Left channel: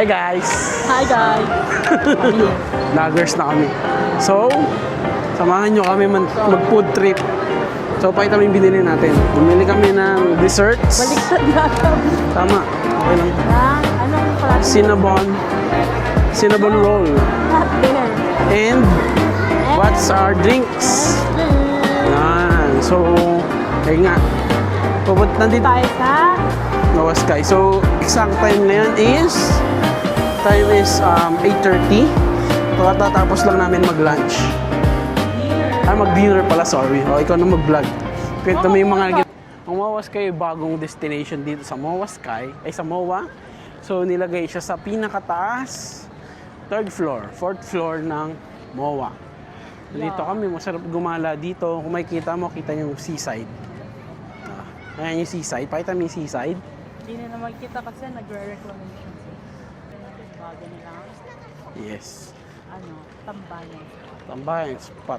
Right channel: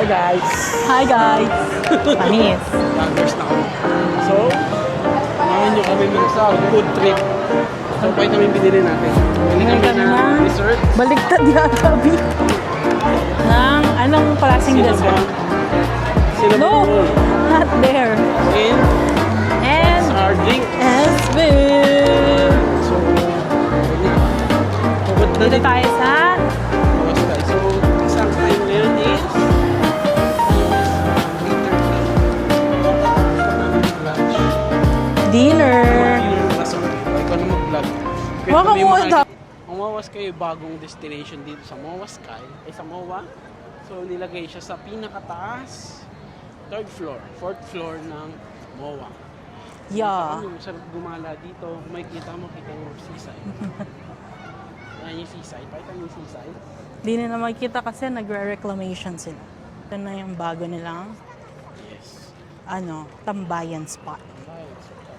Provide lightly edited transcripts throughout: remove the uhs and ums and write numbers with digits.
Hi guys! Hi guys! Yes. Vloggers na kami. So, samahan nyo kami mag-food trip. So, pakita kami binili natin. Bumili kami ng desserts. Baligtad na kami. Tama. Ng anong klaseng Cinnamon roll. Not there. And, what's our drinks? So, ayun nga. Nandito tayo sa Noah Sky. So, exact time na yun is 8:30. Tapos lang namin mag-lunch. dealer. Mag-dinner pala, sorry. Ikaw na mag-vlog. Kwento mo yung mga Waka, Ang Moa Sky, bagong destination dito sa Moa Sky. Sa Moa. So, nilagay siya sa pinakataas, 4th floor ng Moa. Yeah. Dito kami, masarap gumala dito. Kung makikita mo, kita yung seaside. Ayan yung seaside. Pakita mo yung seaside. Di na makikita kasi nagre-reclamation sila. Ito na yung bago nilang Yes. tambayan spot. Tambayan spot.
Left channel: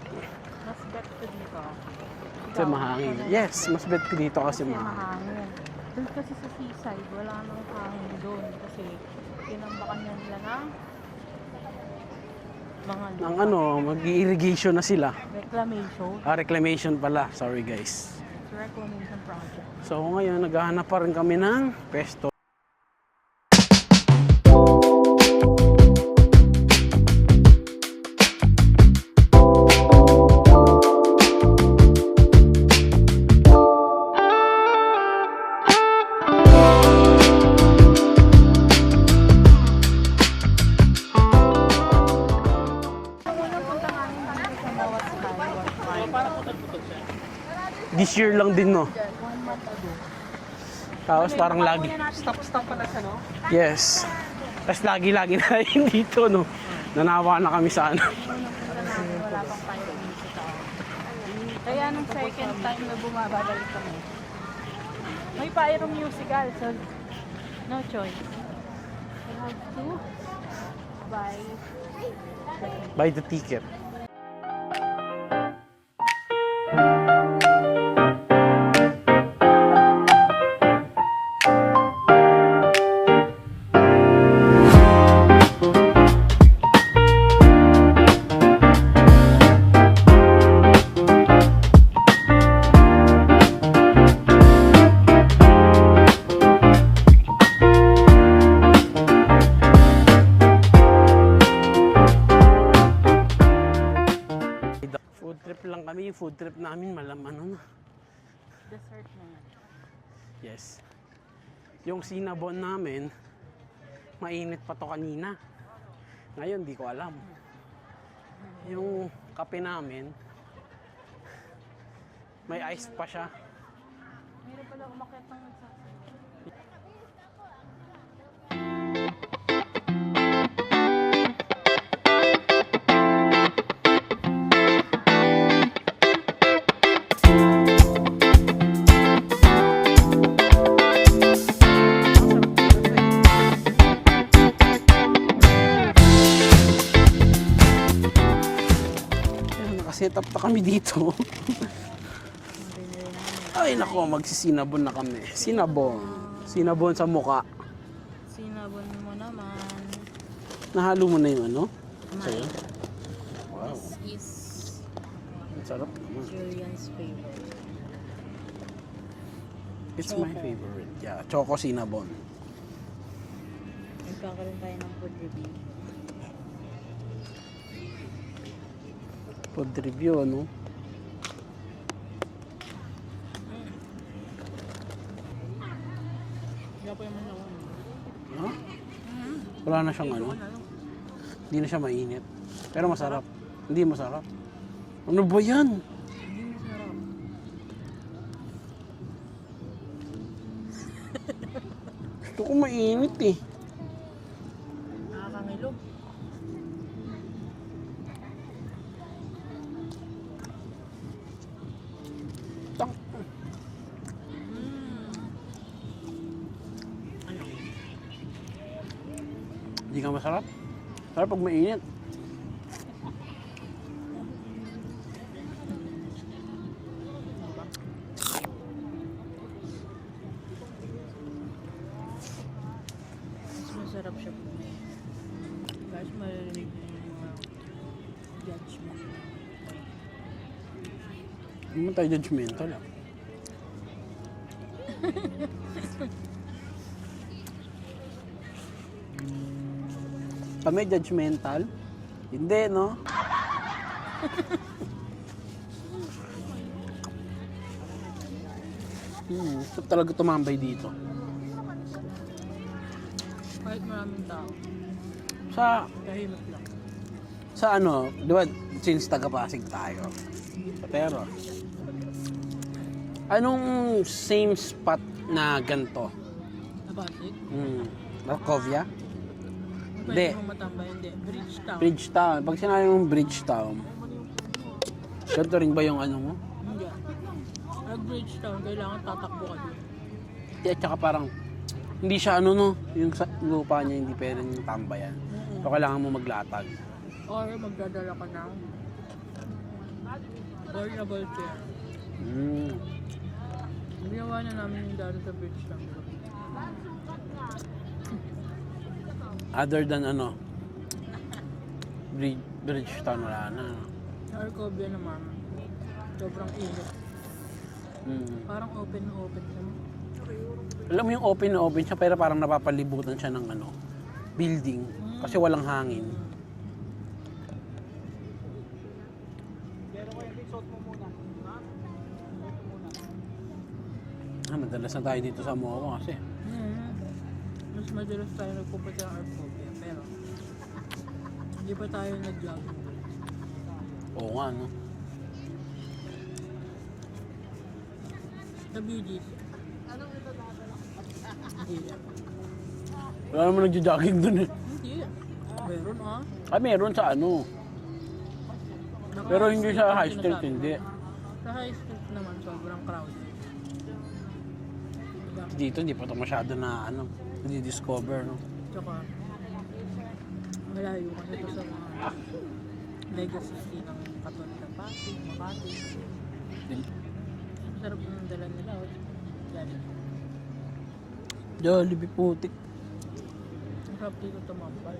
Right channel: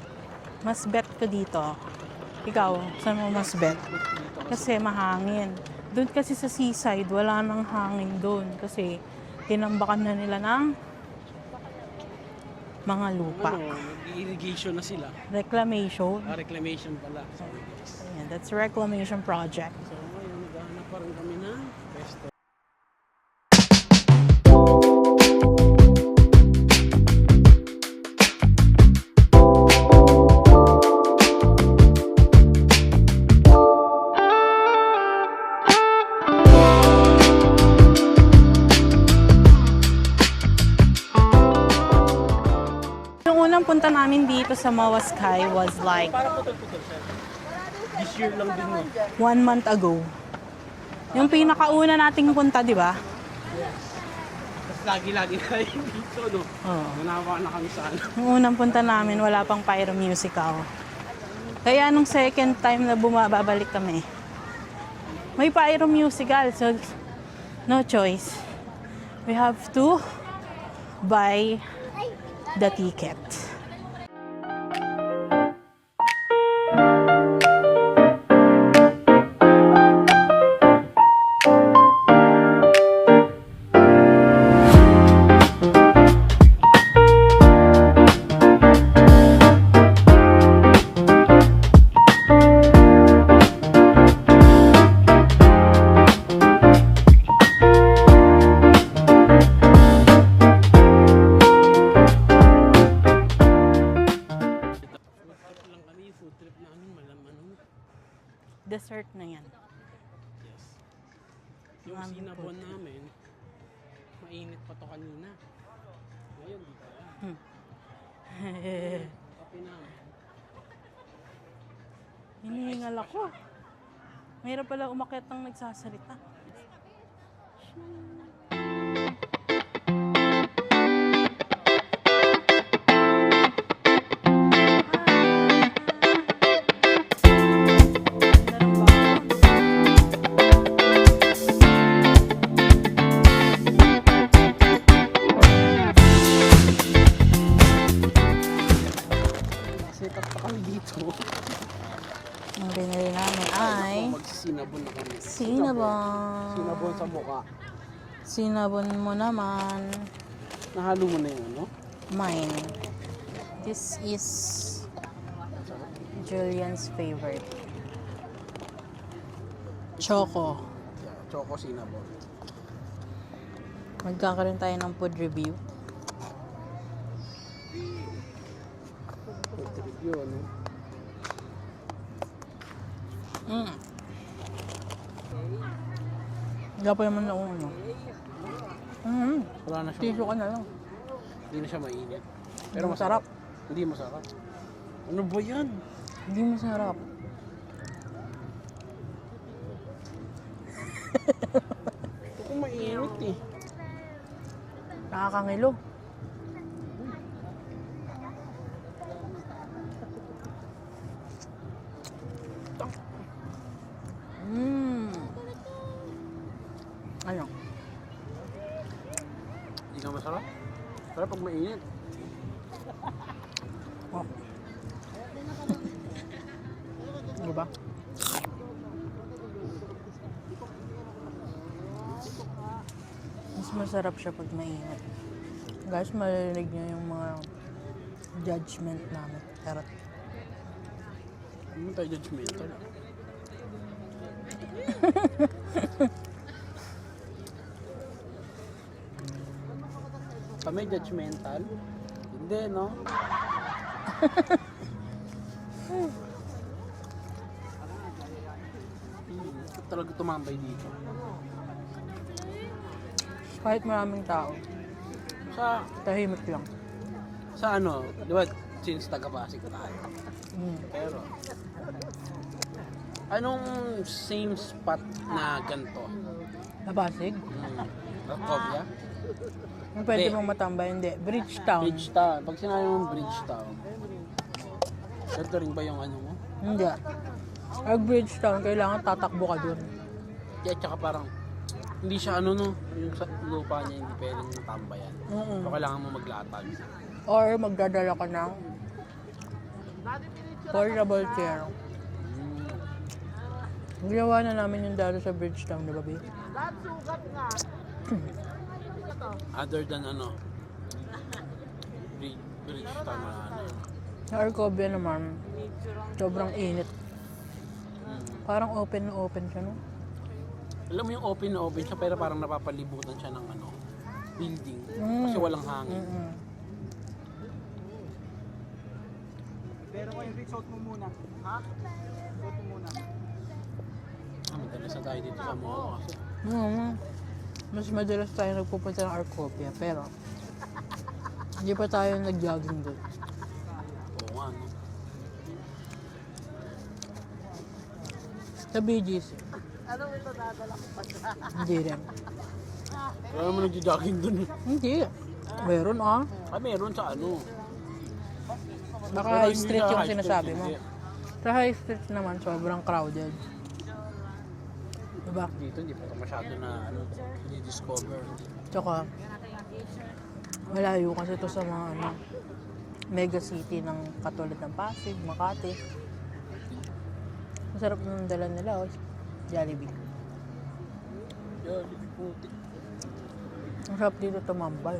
Mas bet ko dito. Ikaw, saan mo Yes, mas bet? mas bet ko dito Kasi mahangin. Doon kasi sa seaside, wala nang hangin doon. Kasi tinambakan na nila ng mga lupa. mag-irrigation na sila. Reclamation. Reclamation pala. Sorry guys. Yeah, that's a reclamation project. So ngayon, naghahanap pa rin kami ng pesto. Yung unang punta namin dito sa Moa Sky was like This year lang din, no? 1 month ago. Tapos Yung pinakauna nating punta, di ba? Yes. Tapos lagi-lagi na yun dito, no? Nanawa na kami sa Yung unang punta namin, wala pang pyro musical. Kaya nung second time na bumabalik kami, may pyro musical. So, no choice. We have to buy the ticket. Buy the ticket. Food trip namin, Dessert na yan. Yes. Yung cinnabon namin, mainit pa to kanina. Ngayon, di ko alam. Yung kape namin, may ice pa siya. Mayroon pala umakyat ng nagsasalita. Set up pa kami dito. Ang binili namin Ay, nako, magsisinabon na kami. Sinabon sa muka. Sinabon mo naman. Nahalo mo na yung Mine. This is Ang sarap. Julian's favorite. It's Choco. my favorite. Yeah, choco cinnabon. Magkakaroon tayo ng food review. Food review, Gapo naman na uno. Wala na siyang Tito ka na lang. Hindi na siya mainit. Pero masarap. Hindi masarap. Ano ba yan? Hindi masarap. Ito ko mainit eh. Nakakangilo. Ano? Hindi ka masarap? Sarap pag mainit. Diba? masarap siya pag mainit. Guys, marinig niyo yung mga judgment namin. Pero, Hindi mo tayo judgmental. Kami judgmental? Hindi, no? Gusto talaga tumambay dito. kahit maraming tao, Sa, tahimik lang. sa ano, di ba, since taga-Pasig tayo. Pero, anong same spot na ganito? Napasig? Markovia? Kung pwede Hindi. mong matambay, hindi. Bridgetown. Bridgetown. Pag sinabi mong Bridgetown, ganito rin ba yung ano mo? Hindi. Pag Bridgetown, kailangan tatakbo ka dun. At saka parang, hindi siya ano no, yung lupa niya hindi pwedeng tambayan. So kailangan mo maglatag. Or magdadala ka ng portable chair. Mm. Ginawa na namin yung dalo sa Bridgetown, di ba, babe? Other than ano, Bridgetown wala na. Sa Arcovia naman, sobrang init. Parang open na open siya, no? Alam mo yung open na open siya pero parang napapalibutan siya ng ano, building. Kasi walang hangin. Pero ko yung resort mo muna. Ha? Resort mo muna. Madalas na tayo dito sa Momo kasi. Mas madalas tayo nagpupunta ng Arcovia, pero hindi pa tayo nag-jogging doon. Oo nga no. Sa BGC. Hindi rin. Wala naman nagja-jogging dun eh. Hindi. Meron Meron sa ano. Baka Pero high hindi street sa yung high street, sinasabi mo. hindi. Sa high street naman, sobrang crowded. Diba? Dito hindi pa ito masyado na ano, discover no? Tsaka, malayo kasi ito sa mga mega city ng katulad ng Pasig, Makati. Masarap ng dala nila, Jollibee. Jollibee putik. Masarap dito tumambay.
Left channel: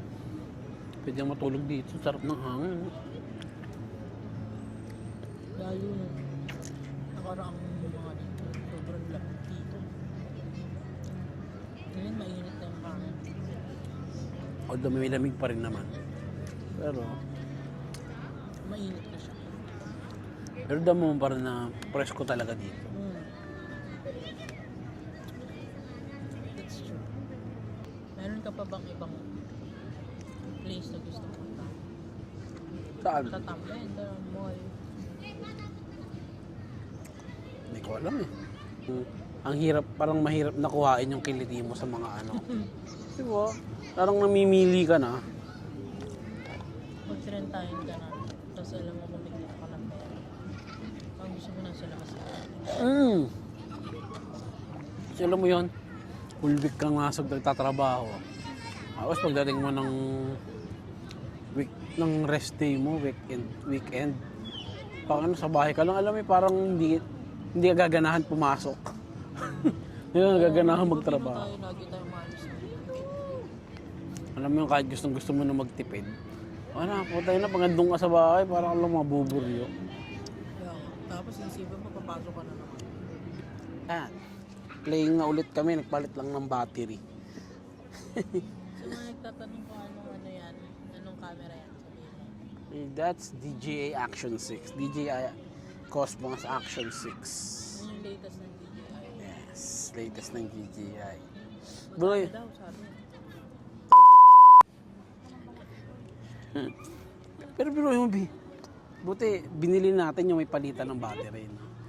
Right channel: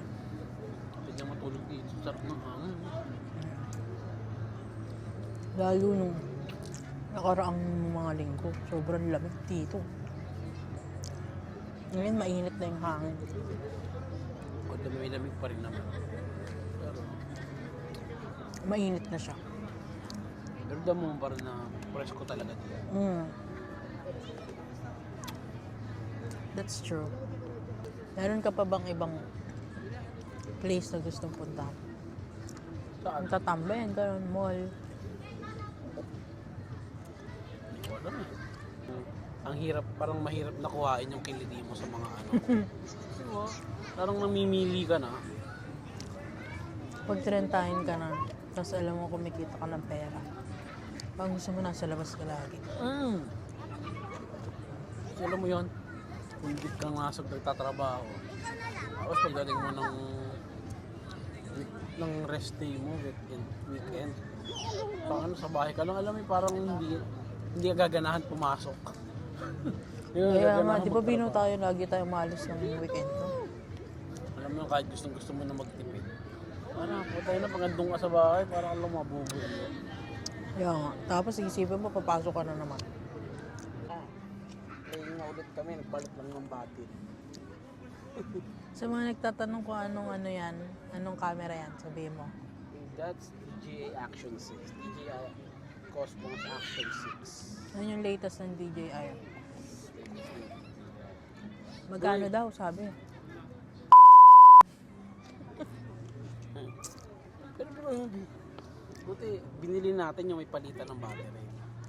Pwede kang matulog dito. Sarap ng hangin. Lalo nung nakaraang mga linggo, sobrang lamig dito. Ngayon, mainit na yung hangin. Although may lamig pa rin naman. Pero, Mainit na siya. pero damo pa rin na presko talaga dito. That's true. Meron ka pa bang ibang place na gustong puntahan? Saan? Tatambayan ka ng mall. Hindi ko alam eh. Ang hirap, parang mahirap na kuhain yung kiliti mo sa mga ano. Diba? Parang namimili ka na. Pag-trentahin ka na, tapos alam mo kumikita ka ng pera. Pag gusto mo nasa labas ka lagi. Kasi alam mo yun, full week kang nasa nagtatrabaho. Tapos pagdating mo ng rest day mo, weekend, pag ano, sa bahay ka lang, alam mo parang hindi ka gaganahan pumasok. Hindi ka gaganahan Di ba Pino magtrabaho. tayo, lagi tayo malas ng weekend? Alam mo yung kahit gusto mo na magtipid. Ano, putay na, pag andun ka sa bahay, parang alam mo, mabuburyo. Kaya nga. Tapos isipin mo, papasok ka na naman. Playing na ulit kami, nagpalit lang ng battery. Sa mga nagtatanong kung anong ano yan, anong camera yan, sabihin mo. That's DJI Action 6. DJI Cosmos Action 6. Ano yung latest ng DJI? Yes, latest ng DJI. Magkano daw, sabi. Pero biro yung buti, binili natin yung may palitan ng battery.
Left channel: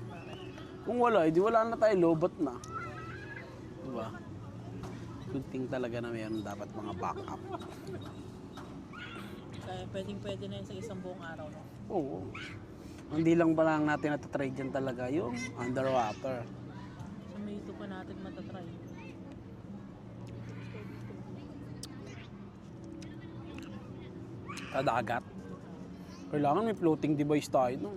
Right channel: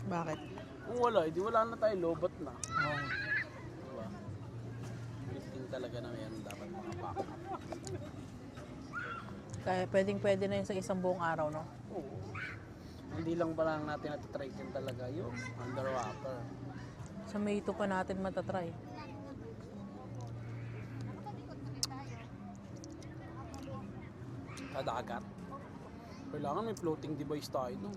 Bakit? Kung wala, edi wala na tayo, lobat na. Diba? Good thing talaga na mayroon dapat mga backup. Kaya pwedeng-pwede na yun sa isang buong araw, no? Oo. Hindi lang ba lang natin natatry dyan talaga yung underwater. Sa May 2 pa natin matatry. Sa dagat. Kailangan may floating device tayo. No?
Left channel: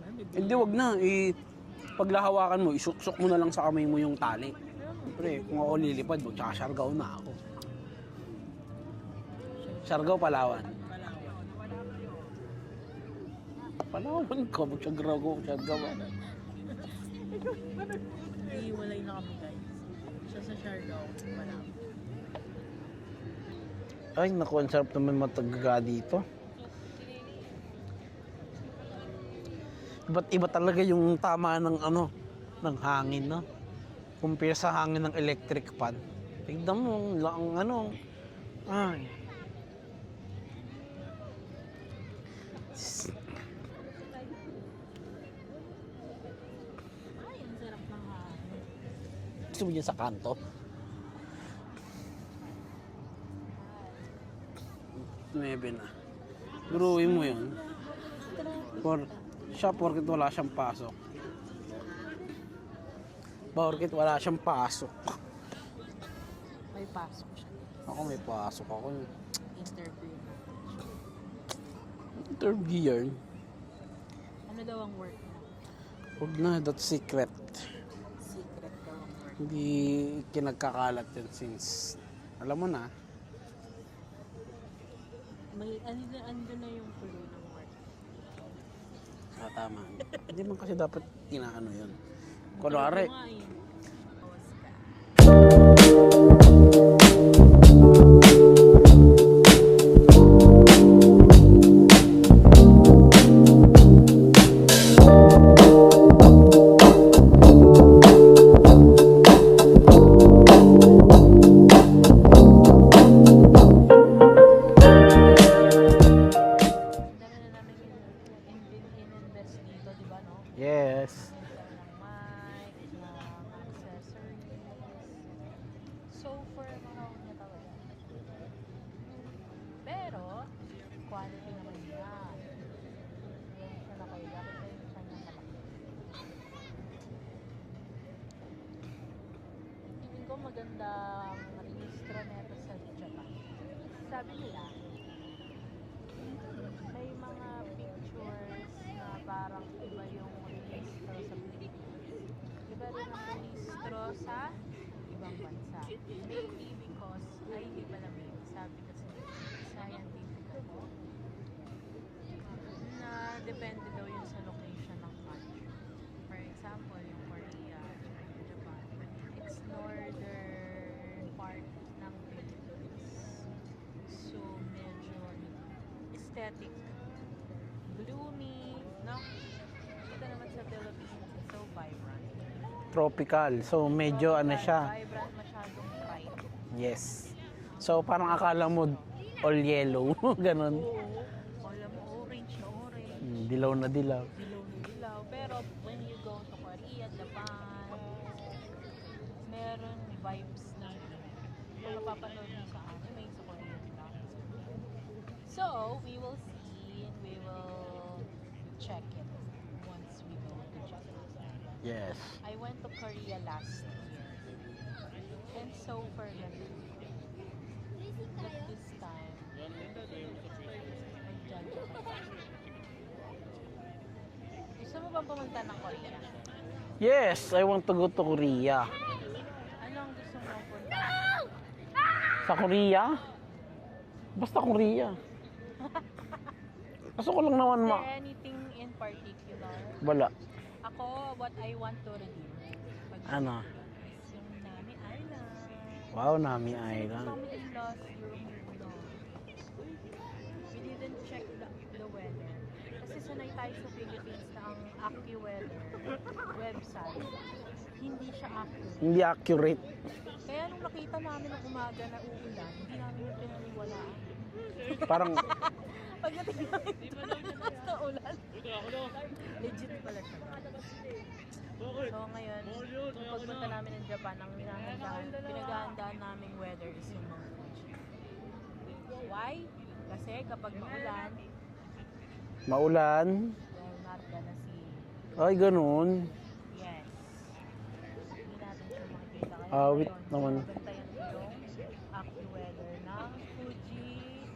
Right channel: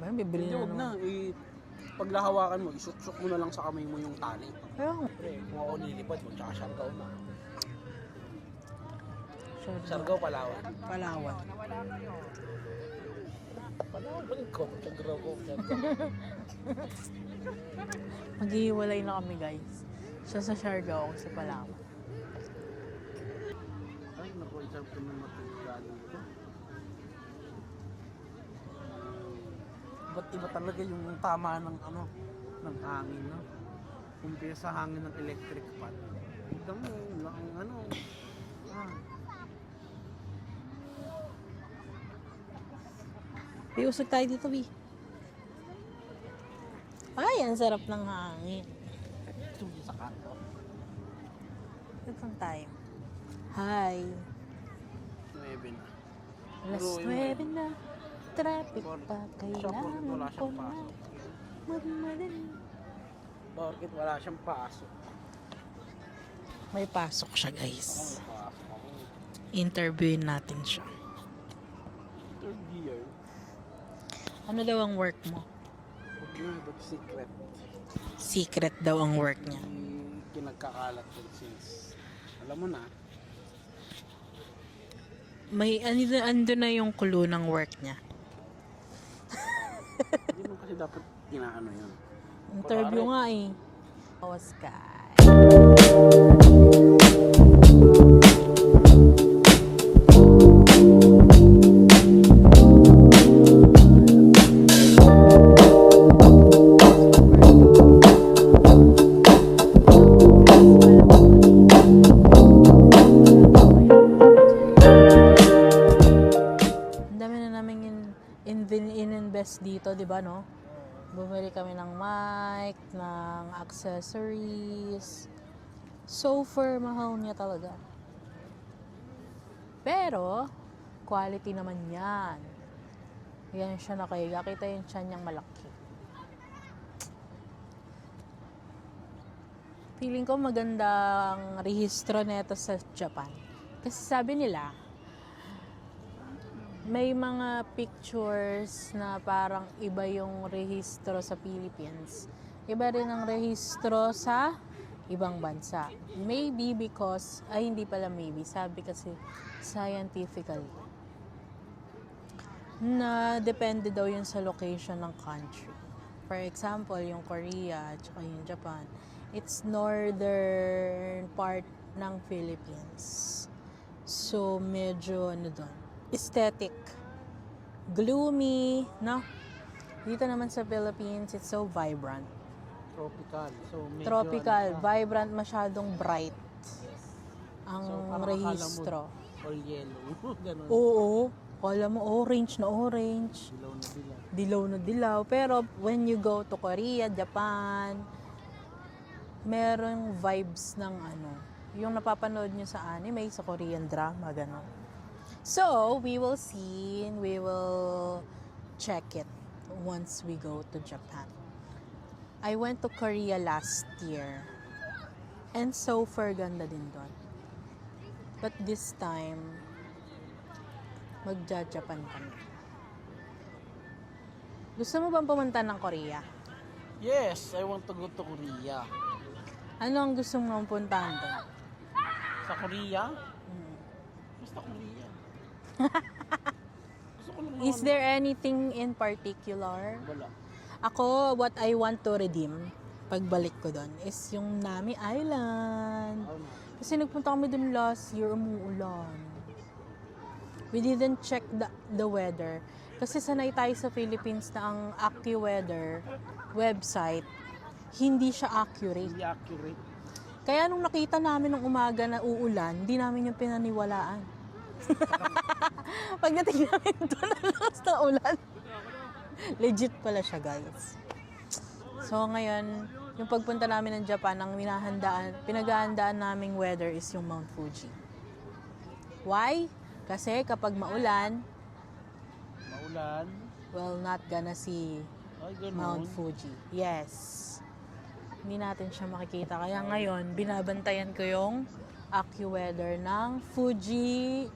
Ayun, bibili Hindi, wag na. Paglahawakan mo, isuksok mo na lang sa kamay mo yung tali. Pre, kung ako lilipad, tsaka Siargao na ako. Siargao, Palawan. Palawan. Palawan ko, Siargao. Maghihiwalay na kami, guys. Siya sa Siargao, ako sa Palawan. Ay, naku, ang sarap naman matagaga dito. Iba't iba talaga yung tama ng ng hangin, no? Compare sa hangin ng electric fan. Tignan mo, ang ay. Usog tayo dito, Bi. Ay, ang sarap ng hangin. Gusto mo dyan sa kanto? Ito pang time. Hi. 9 na. Buruin mo yun. Traffic pa Siya, porkit wala siyang pasok. Porkit wala siyang pasok. May pasok siya, guys. Ako may pasok ako. Interviewin natin siya. Interview yan. Ano daw ang work mo? Huwag na, that's secret. Secret daw ang work niya. Hindi kinagkakalat yun since, alam mo na. May ando na yung clue ng work niya. Tama. Hindi mo kasi dapat inaano yun. Interview nga eh. Oscar. In-invest dito, di ba, no? Yes. Bumili kami ng mic, ng accessories. So far, mahal niya talaga. Pero, quality naman yan. Yan siya nakahiga. Kita yung tiyan niyang malaki. Feeling ko magandang rehistro nito sa Japan. Kasi sabi nila, may mga pictures na parang iba yung rehistro sa Philippines. Iba rin ang rehistro sa ibang bansa. Maybe because, hindi pala maybe, sabi kasi scientifically, na depende daw yun sa location ng country. For example, yung Korea at yung Japan, it's northern part ng Philippines. So, medyo doon. Aesthetic. Gloomy, no? Dito naman sa Philippines, it's so vibrant. Tropical. So, medyo Tropical, siya. vibrant, masyadong bright. Yes. Ang So, parang akala mo rehistro. all yellow. Ganon. Oo. Akala mo orange na orange. Dilaw na dilaw. Dilaw na dilaw. Pero when you go to Korea, Japan, merong vibes ng yung napapanood nyo sa anime, sa Korean drama, gano'n. So, we will see, and we will check it once we go to Japan. Yes. I went to Korea last year, and so far ganda din doon. But this time, magja-Japan kami. Gusto mo bang pumunta ng Korea? Yes, I want to go to Korea. Ano ang gusto mong puntahan doon? Sa Korea? Basta Korea. Gusto ko lang naman Is there anything in particular? Wala. Ako, what I want to redeem pagbalik Ano? ko doon is yung Nami Island. Wow, Nami Kasi nagpunta kami dun last year, umuulan. We didn't check the weather. Kasi sanay tayo sa Philippines na ang AccuWeather website, hindi siya accurate. Hindi accurate. Kaya nung nakita namin ng umaga na uulan, hindi namin yung pinaniwalaan. Parang, Pagdating namin doon, lakas na ulan. Legit pala siya, guys. So ngayon, yung pagpunta namin ng Japan, ang pinag-aandaan naming weather is yung Mount Fuji. Why? Kasi kapag maulan, well, not gonna see ay ganun. Mount Fuji. Yes. Hindi natin siya makikita. Kaya Ah, ngayon, naman. binabantayan ko yung AccuWeather ng Fuji,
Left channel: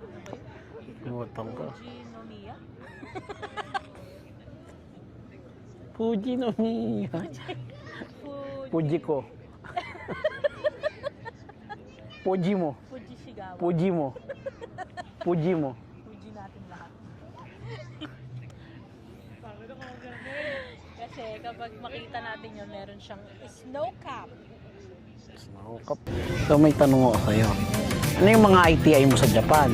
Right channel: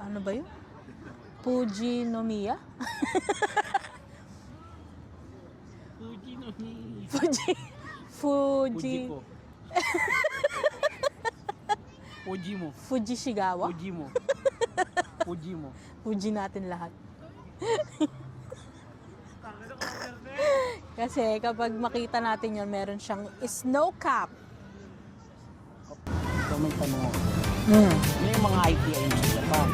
ano ba yun? Fujinomiya? Fuji no ni. Fuji. Fuji ko. Fuji mo. Fuji Shigawa. Fuji mo. Fuji mo. Fuji natin lahat. Kasi kapag makita natin yun, meron siyang snow cap. So may tanong ako sa'yo. Ano yung mga ITI mo sa Japan?